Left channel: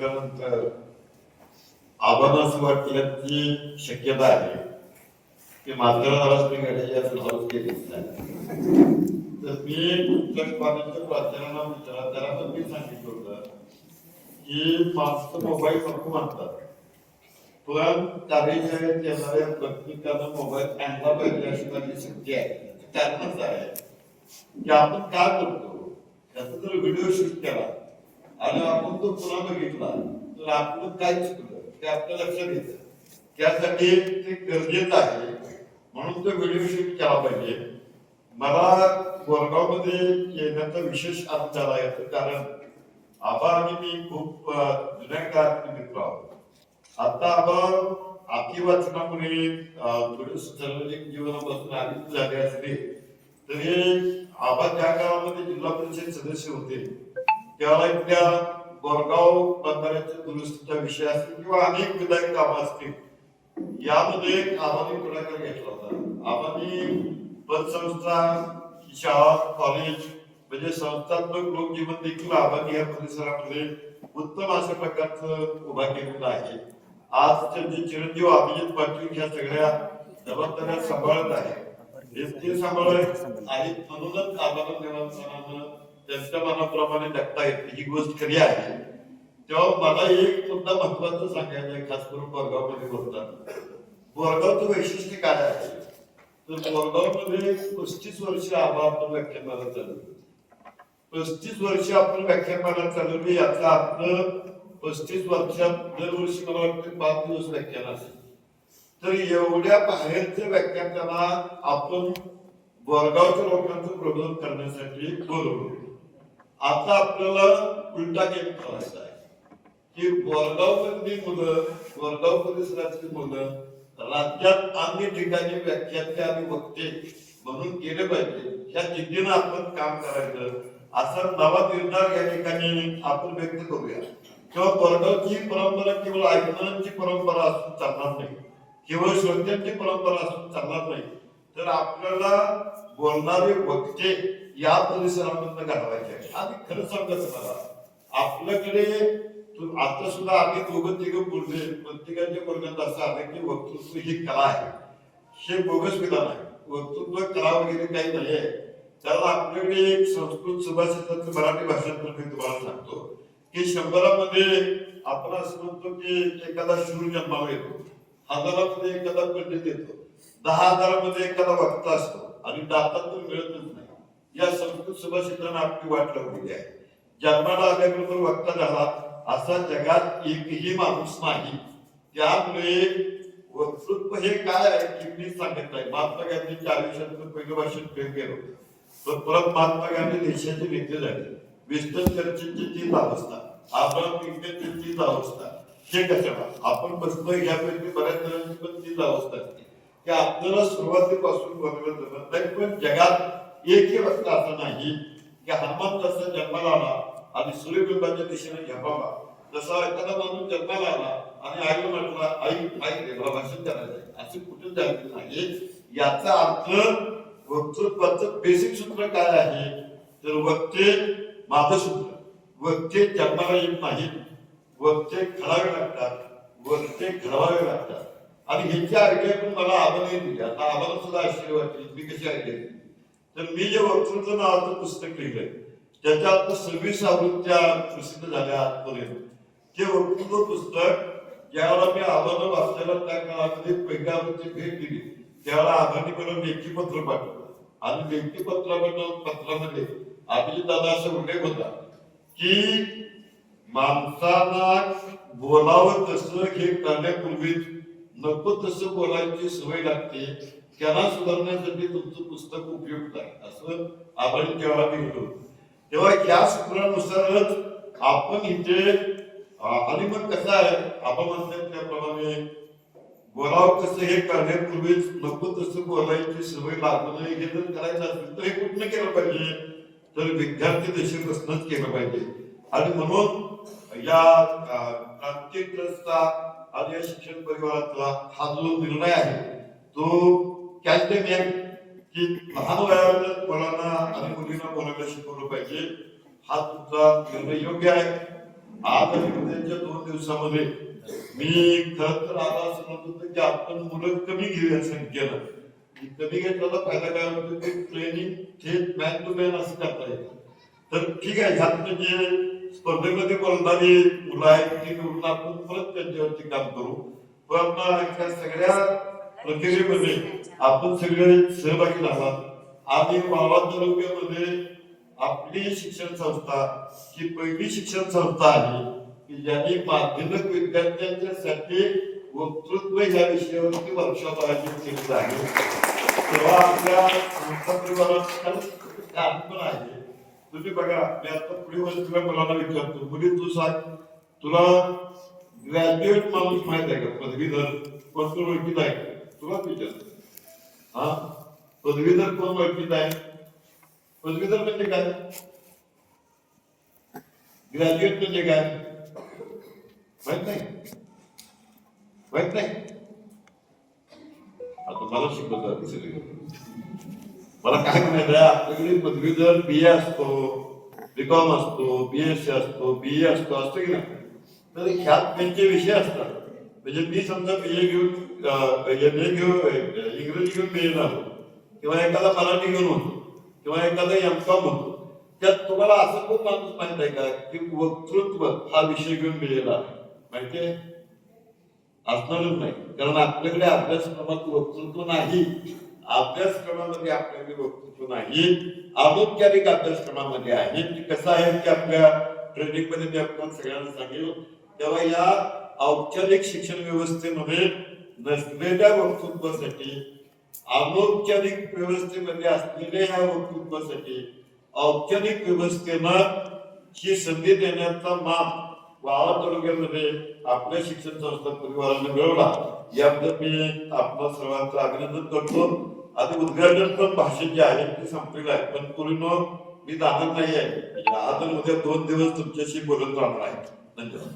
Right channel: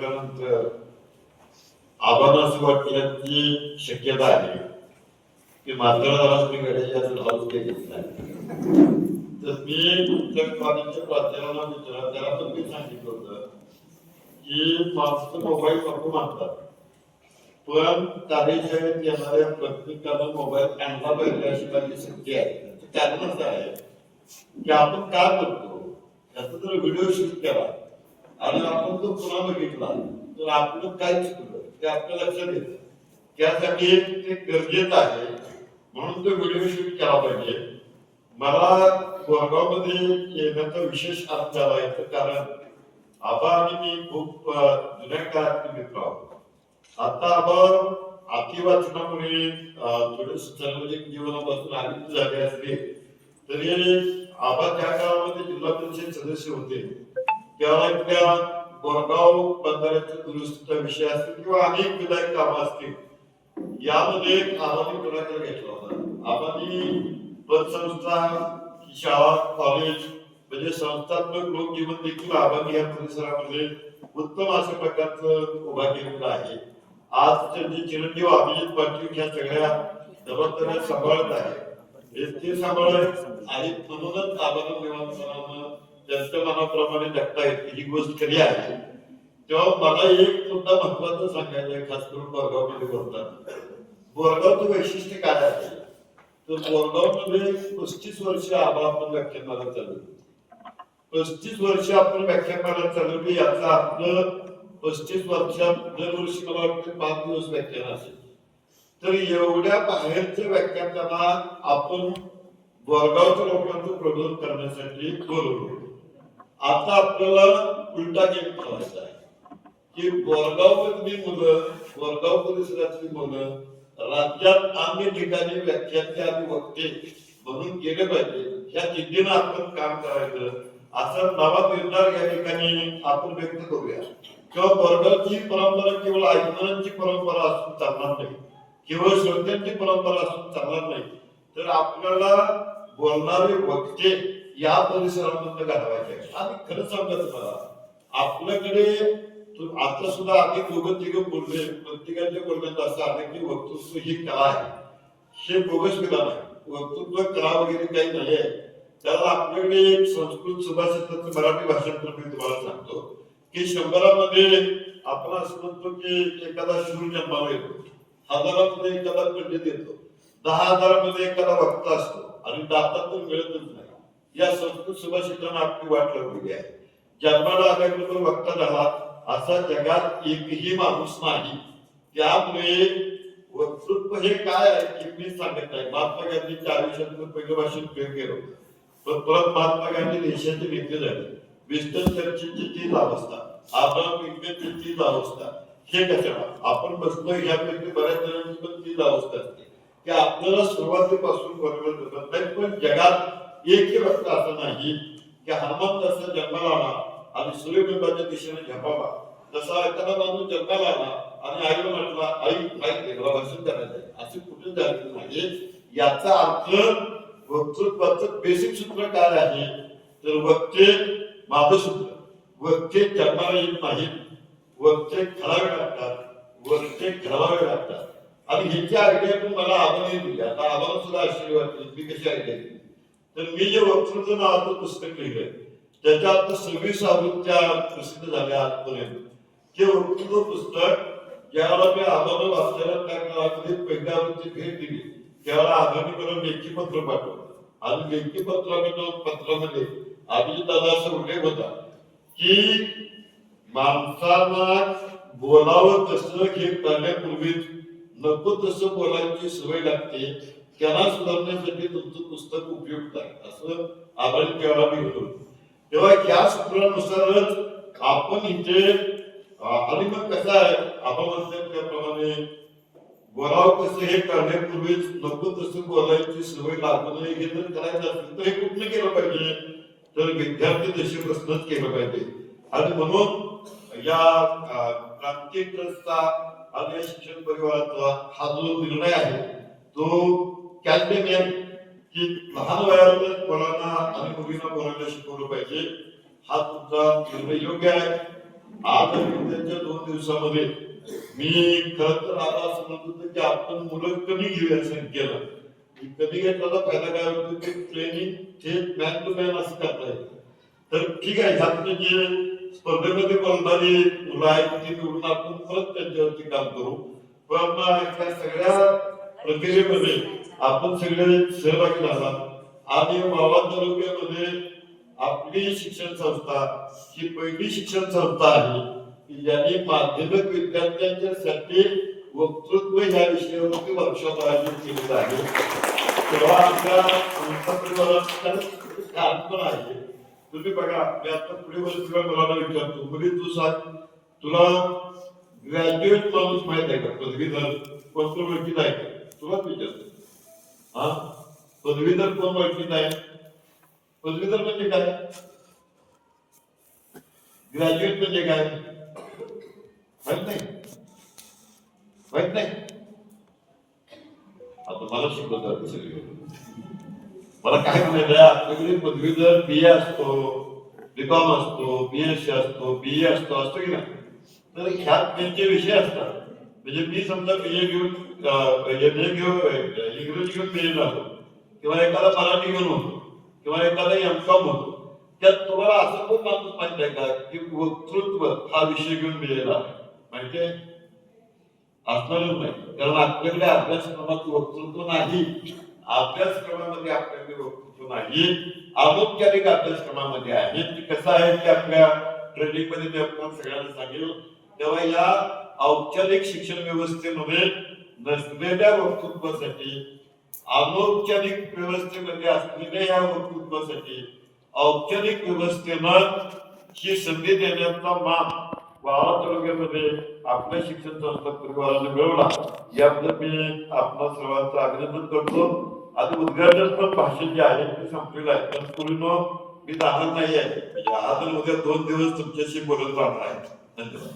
त्यानंतर आबांना असं वाटलं की शक्यता आहे की मात्र तुम्ही घड्याची असं लावून केली तर मी तुमच्या कॉलेजच्या प्राचार्यांना विचारलं, त्याला पण मी सांगितलं होतं की माणसं मोबाईल नको म्हणतात, पण कार्यशाळेत येणाऱ्या प्रत्येकानं मोबाईल आणला पाहिजे अशी माझी शक्ती आहे. कारण असं आहे की आपण काय करतो त्याचा जर व्हिडिओ शूट केला आणि आपण तो पुन्हा बघितला तर आपलं काय चुकलं ते आपल्या लक्षात येतं. त्यासाठी ते गरजेचं आहे, म्हणून तो व्हिडिओ शूट केला पाहिजे. मला गोरगावमध्ये येण्याचा विशेष अर्थ झाला याचं कारण आबा आणि मी खूप जुन्या काळातले मित्र आहोत. आता आबा अति वाचनामुळे थोडे सार्वजनिक जीवनापासून आनंद झाले असले तरी आबा त्या काळामध्ये जिल्हा परिषद सदस्य होते. त्यावेळेला बोरगाव बंधाऱ्याच्या दुरुस्तीचा विषय असतील किंवा अनेक विधायक कामं असतील, यामध्ये आबांनी पुढाकार घेतला होता. आबांनी पतसंस्था, शाळा, कॉलेज म्हणजे संस्थात्मक लोकजीवन देखील आबांनी या परिसरामध्ये उत्तम अशा प्रकारचं उभा केलेलं आहे. आज जे चिरंजीव अभिजित पाटील या सगळ्या जबाबदाऱ्या सांभाळत आहे ते सांभाळत आणि म्हणूनच आबांना देवांना त्यांच्या मनाप्रमाणे जगता येते ही गोष्ट खरी आहे. तेव्हा मला एक सुद्धा महत्वाचं सांगायचं आहे, खास करून बोरगावमध्ये बोलतात. बोरगावचं वैशिष्ट्य काय आहे तर बोरगावमध्ये 35 वर्ष आबा आपण व्याख्यानमाला चालवली. 35 वर्ष आपण व्याख्यानमाला चालवली याचा अर्थ 35 वर्षात दरवर्षी मला वाटतं 5 दिवस व्याख्यान असेल. तर एवढ्या बाहेरचं व्याख्यान त्यांना आपण बोरगावच्या लोकांचं प्रबोधन करण्यासाठी बोलवलं. आता आपल्याला उलटा गेम खेळायचा आहे की बोरगाव मधली मुलं, बोरगाव परिसरातली मुलं राज्यात अन्य ठिकाणी व्याख्याते आणि वक्ते म्हणून गेले पाहिजे, ह्या जिद्दीनं आपण काम करायचं असा नवा निर्धार या ठिकाणी आपण व्यक्त करूया. किंवा बोरगावची परंपरा केवळ ऐकणाऱ्यांची परंपरा असून चालणार नाही, केवळ श्रोत्यांची परंपरा असून चालणार नाही, तर आपल्याला बोलणारे वक्ते या परिसरामधून घडवायचे आहे. आणि खरं सांगायचं मला, आपल्याकडे आता सुद्धा आधी दोघं तिघं बोलले, प्रत्येकाच्या बोलण्यात असं आहे की वक्तृत्व ही कला आहे. हे बोगस विधान आहे, वक्तृत्व कला वगैरे काही नाही आहे. त्याला आपल्याकडे एक संस्कृत सुभाषिताचं मराठी भाषांतर मी तुम्हाला सांगतो की 100मध्ये आपण असं म्हणतो की एखादा शूर जन्माला येतो, 1000मध्ये एखादा पंडित येतो, 10,000मध्ये एखादा वक्ता असतो आणि दाता तर मिळतच नाही. या संस्कृत सुभाषितांना आपली वाट लावलेली आहे. जन्माला आल्याबरोबर वक्ता झाला असा जगात एकही माणूस नाही. त्यामुळे वक्तृत्व हे काय आहे की मी सांगत आहे. महात्मा गांधींच्या आयुष्यातलं पहिलं भाषण फेल गेलं होतं, पण परत महात्मा गांधी देशाचे नेते झाले. विस्टन चर्चिलची तीच अवस्था, अब्राहम लिंकनची तीच अवस्था. हे कशाला आपण बसलो यापैकी बऱ्याच जणांची पण तीच अवस्था असते की आपल्याला सुरुवातीपासून बरोबर जमत नाही. पण जगात एकही वक्ता असं नाही की हनुमंत असं जन्माला आला आणि सूर्यबिंबाच्या दिशेने झपावा, तसा एखादा माणूस जन्माला आला आणि आईला म्हटला आई आई मला भाषण करायचं आहे, असे कुठे झालेलं नाही. याचा अर्थ वक्तृत्वाचं बेसिक सूत्र काय आहे तर वक्ते माझं सूत्र, वक्ते जन्माला येत नाहीत, वक्ते घडावे लागतात, वक्ते घडवावे लागतात. आणि ह्याची आज्ञा पण मला आबाने दिली. आता आबाला सुद्धा आशीर्वाद दिली. मी कशी आज्ञा दिली तर मी जे वक्तृत्व नावाचं पुस्तक लिहिलंय त्याच्यात 26 आवृत्त्या प्रसिद्ध झाल्या आजपर्यंत. ते वक्तृत्व पुस्तक ज्यावेळेला मी आबाला वाचल्याला त्या काळामध्ये पहिल्या आवृत्ती भेट दिली त्यावेळेला आबांनी मला लेखी पत्र पाठवलं आणि लेखी पत्रामध्ये अभिजित दादा असा उल्लेख होता की माणसाला बोलावं कसं हे करण्यापूर्वी नको तसं बोलायची सवय लागते, त्यांना सुधारण्यासाठी तुमचं पुस्तक उपयुक्त आहे असं आबांनी त्यावेळेला लिहिलं. तेव्हा या सूत्रानुसारच आपण इथे आणि मग कसं आहे आपण म्हणतात त्याप्रमाणे बोलावं कसं हे करण्यापूर्वीच नको तसं बोलायची सवय लागू नये. हे जर करायचं असेल तर हे कुठलं केलं पाहिजे तर विद्यार्थी दशेपासूनच केलं पाहिजे. आणि म्हणून या क्रांती ट्रस्टचा आणि या शिक्षण परिवाराचा हा जो निर्णय आहे तो कॅल्टेन आहे की लहान वयामध्ये मुलांना आणि मुलींना बोलायला शिकवलं पाहिजे. हा तुमचा निर्णय योग्य आहे. आज आणि उद्याच्या 2 दिवसामध्ये मी खरं तर आता असं म्हणत होतो की आपण मुलं कमी घेऊया संख्येनं. कमी घेतल्याचा फायदा काय होतो की ट्रेनिंग थेट मॅन टू मॅन असं करता येतं. तर ठीक आहे, ह्यात जे स्पर्धेमध्ये पडणारी मुलं आहेत ती निवडून आपण परत त्यांच्यावरती काम करू. पण त्या सगळ्या प्रक्रियेमध्ये आपण सगळे सहभागी झाला. आणि मावळ तालुक्यामध्ये आपली शिक्षण संस्था ही पहिली शिक्षण संस्था आहे की ज्यांनी माध्यमिक विद्यार्थ्यांच्यासाठी वक्तृत्व या विषयावरती वर्कशॉप आयोजित केलेलं आहे. तेव्हा आपल्या संस्था परिवारात आहे. तुम्ही बघा, मी आता पुढे वस्तूला मुलांना विचारतो, मुली तू सांग, तुला ग्रॅज्युएट माणूस माहित आहे का? पदवीधर कोण ओळखीत आहे का? तुलाच विचारतो. हा, पदवीधर कोण ओळखीत आहे? पदवीधर म्हणजे काय? ग्रॅज्युएट म्हणजे काय माहित नाही? माहित नाही? आता मला शिकवतात सगळी. मला काय म्हणायचं, आपल्याकडे पदवीधर BA असतो, BCom असतो, BSc असतो, BA असतो, असतो की नाही? तर ह्यात त्यांचे विषय असतात. म्हणजे मी समजा BA घेऊन MA घेऊन इंग्रजी घेऊन BA झालो, किंवा एखादा मराठी घेऊन होतो, किंवा एखादा MCom होतो. त्यात तुम्हाला असं खूप माणूस माहित आहे का की वक्तृत्व हा विषय घेऊन BA ला माहितीये? असणारच नाही, कारण आपल्याकडे अभ्यासक्रमात वक्तृत्व नाही. अभ्यासक्रमामध्ये आपल्याकडे वक्तृत्व नाही, अनौपचारिक अभ्यासक्रमामध्ये आहे. कसं आहे की आपल्या ट्रेनिंग मध्ये मी आपण सगळ्यांना सांगेल, तेव्हा या औपचारिक शिक्षण व्यवस्थेमध्ये नसलेल्या वक्तृत्वासाठी, अनौपचारिक व्यवस्थेमध्ये असलेल्या या वक्तृत्वासाठी औपचारिक व्यवस्थेनं ही संधी देण्याचा मान वाळवा तालुक्यामध्ये आपल्या शिक्षण संस्था परिवाराने मिळवला. याबद्दल मी आपल्या सर्वांचं अभिनंदन करतो. आता उद्घाटन पण भाषण जे आहे ते संपलेलं आहे, पण पूर्ण मी जाणार नाही आहे. आज उद्या 2 दिवस तुमच्याशी बोलत राहणार आहे. धन्यवाद.